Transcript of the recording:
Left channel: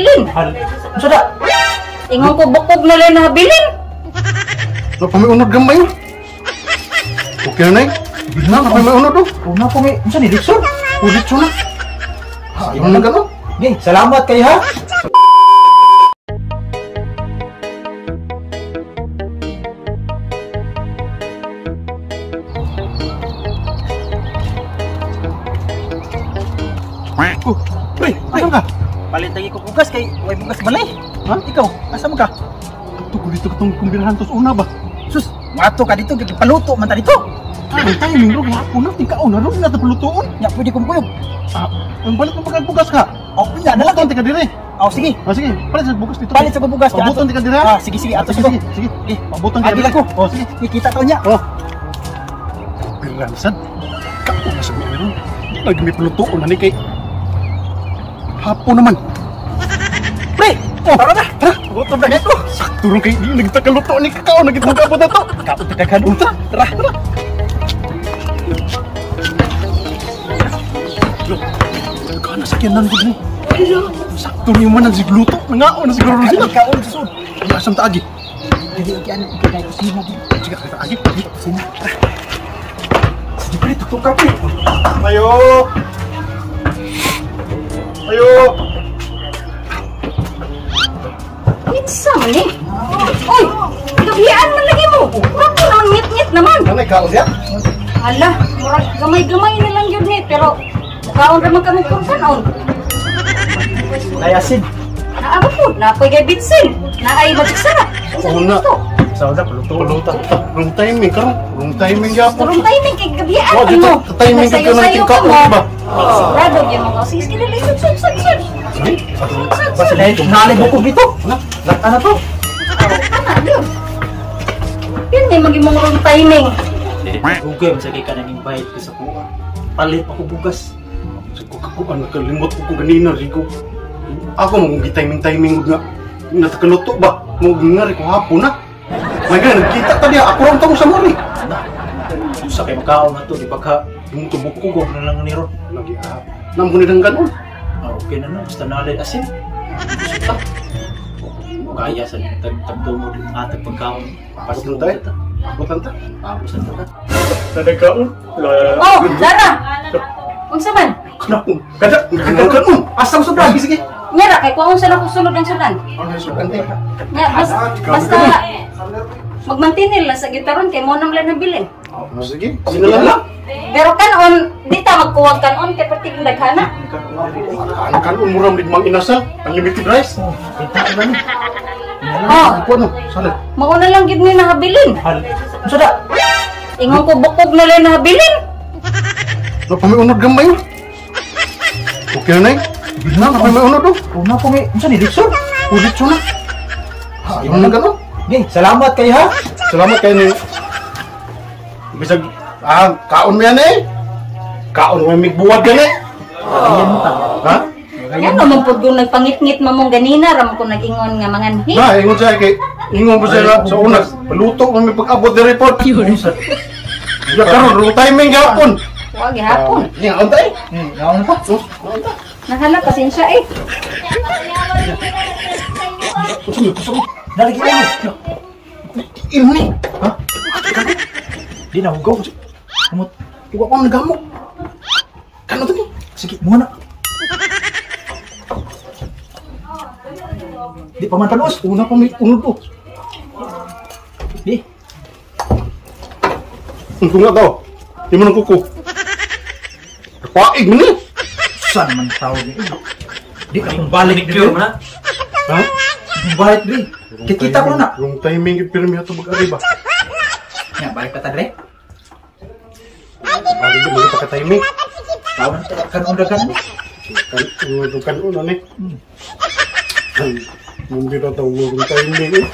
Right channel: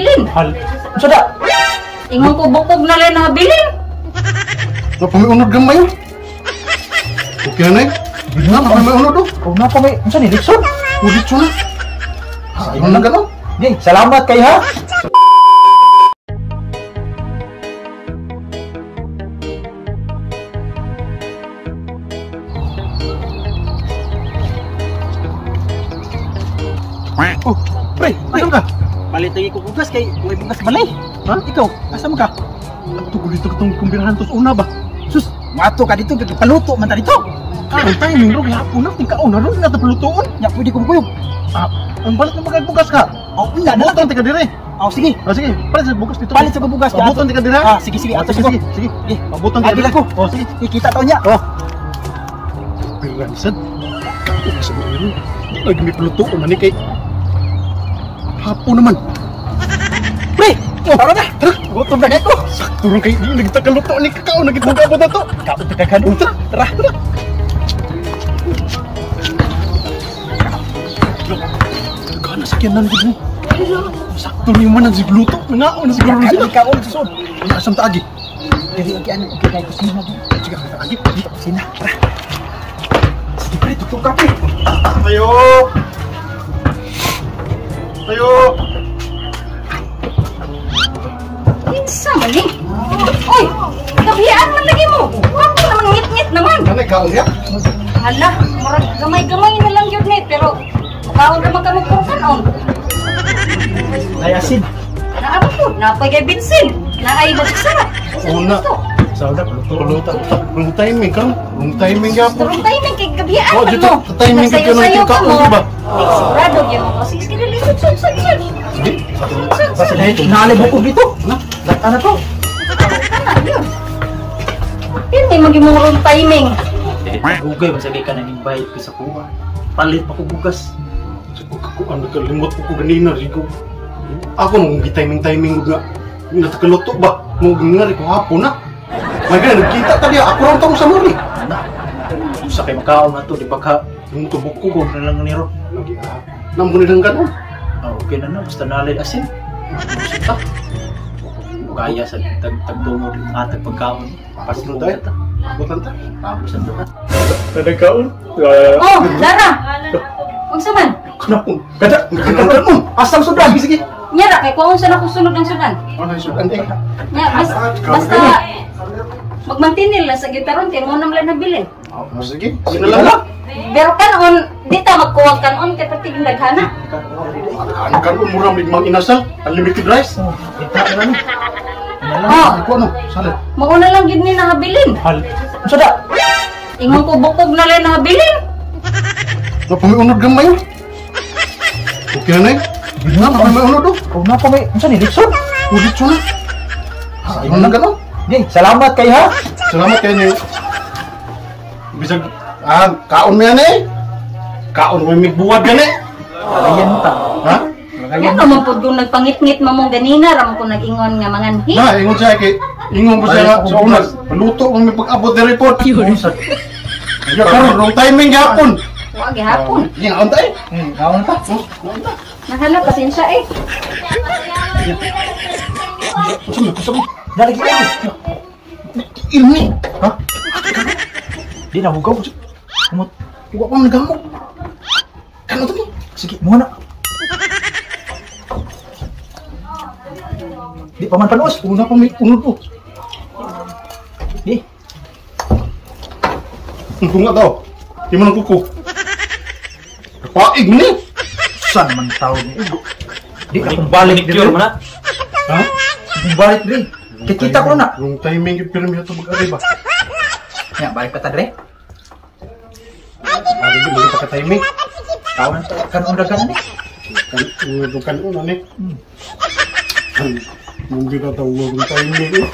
nahabilin. Sudah. Ingon ko bukog na lang nahabilin. Napamiunod gamay yun. Okay na eh. Bilang napamiunod do. Huwag na ako may... Ano ni Dixon? Ulit siya na. Ayun na gano'n. Yay, salamat kayo ha. Oh, pre, asan ka? Palit lagi ko bugas kay way bugas balay. Ha? Ikaw, asan ka? Ito ko dito itong kumbirahan tos una ba? Sus, wato ka dito paluto man ta dito. Ang timing ro kaya na tingkaon na ro na palutuon. Ya pwede ko kuyog. Ang balit ng pagbugas ka. Oh, unya na lang. Buton tika dire. Oh, sige. Oh sige, palit sa bugas dito. Palit sa bugas. Buton tika dire. Sige, sige. Ato Sige, sige, sige. Sige. Pabuton tika Agi dire. ako. Oh sige. Ikita to nya. Oh. Bilansan. Kako sa buwan. Lagi may palutuon na ni kay. Hapo naman. Pre, Oh, tara na. Ha? gutom na dito. Turun kay di nagtakaluto ni kakao nagitungkapot na to. Kao tika kadung. Tara. Kana sakyan nan gud ni. Sakto ni man ang sigluto. Ngao na siguro Kali sila. kaon susod. Ya asam ta agi. Dili lagi ano kita kusina din. Sige ka agi. Dito kusina. Tara. Pre tutok ka pre. Ayo. Ayo. Isa man eh. Oy, kabiyaan man lagi mo. Bakit naman ngit-ngit naman? Kanay kaon siya? Hala, murag gamay-gamay na lang yun eh. Pero, mukaon naman ka magpurkanon. Layasin. Naabot po, napoy kay bitsin. Naay magsara. Una. Sauda paluto. Paluto. Wrong timing karon. Wrong timing gyapon. Turong timing kay kabiyaan Oh, man dito mo. timing ka ng Magsayo-sayo tingkaon mo. di ba? Sigurado yun mo. Sige, sub. Sige. Basta dahil nalay bukog dito. Lata na to. Tama yun. Yan eh, maging mga wrong timing. Google masagay ka na ng bayad ko sa kuha. Palit ako bugas. Ako ano kalimot ko ganina rigo. Ako mong timing gud nga. Natakaluto ba? Mong ngari ko hapon na. May gan kita ta niya ako ron tong sa muli. Usa kay makaon na to di pagka yung tubok na lang niro. Lagi namo ni dang kanon. Okay na basta nalay asin. Kaya sa tagtungo din atag pagkaon. Pasin tayo. Abutan ta. Tapos ang ta. Nadagkaon. Oh, Dara! Huwag saman. Kanapon. Kada kanon. Asam sudan. Sige. Nyara, kay kuha sa nakusunod ng sudan. Ano isudan eh? Nya, basta magmantinil lang sa gitaron kay mo nang lang nabilin. Sige. Sinalan lang. Pero kanon, di ta magkuwag kanon kay pati daghana. Ang kanon muram ni mang inasal. Unlimited rice. Kita na ni. Oh, Ay ko ano? Sana. mo na lang gid ni nahabilin. Sudah. Ingon ko bukog na lang nahabilin. Napamiunod gamay yun. Okay na eh. Bilang napamiunod do. Huwag na ako may... Ano ni Dixon? Ulit siya na. Ayun na gano'n. Yay, salamat kayo ha. Salamat kayo ni. Bisag, kaon mo yan eh. Kaon mo yung migbuwad yan eh. Ayan mo ta. Ha? Ano naman po kung nagpangit-ngit mo mong ganina, ram ko nag-ingon nga manganhi. Na, ingon siya kay, ingon mo siya sa unag. Paluto mo may pag-abot ng report. Wala karon, wrong timing yapon. Huwag hapon. Ngaon tayo. Ngaon pa. Nahanap pasensya eh. Kusog. Dali kita. Ilmi. Ha? Di na hugaw. Kumot. Huwag ko nagamok. Kano to? Sige, muna. Di pa man panuos. Una pa may unod po. Di. Ang tunga daw. Di mo nang kuko. Kapaig mo ni. San man tawag ni Igo. Di ka kumbalik dito na. Ha? Kumbalik dito. Kikita ko na. Yung timing yung pirmi na ito mag-ari ba? Ya, balik ka tadre. Ano ba yung pagka-timing? Tawan kan undagan mo. Bukan una ni. Hindi na tayo yung timing eh.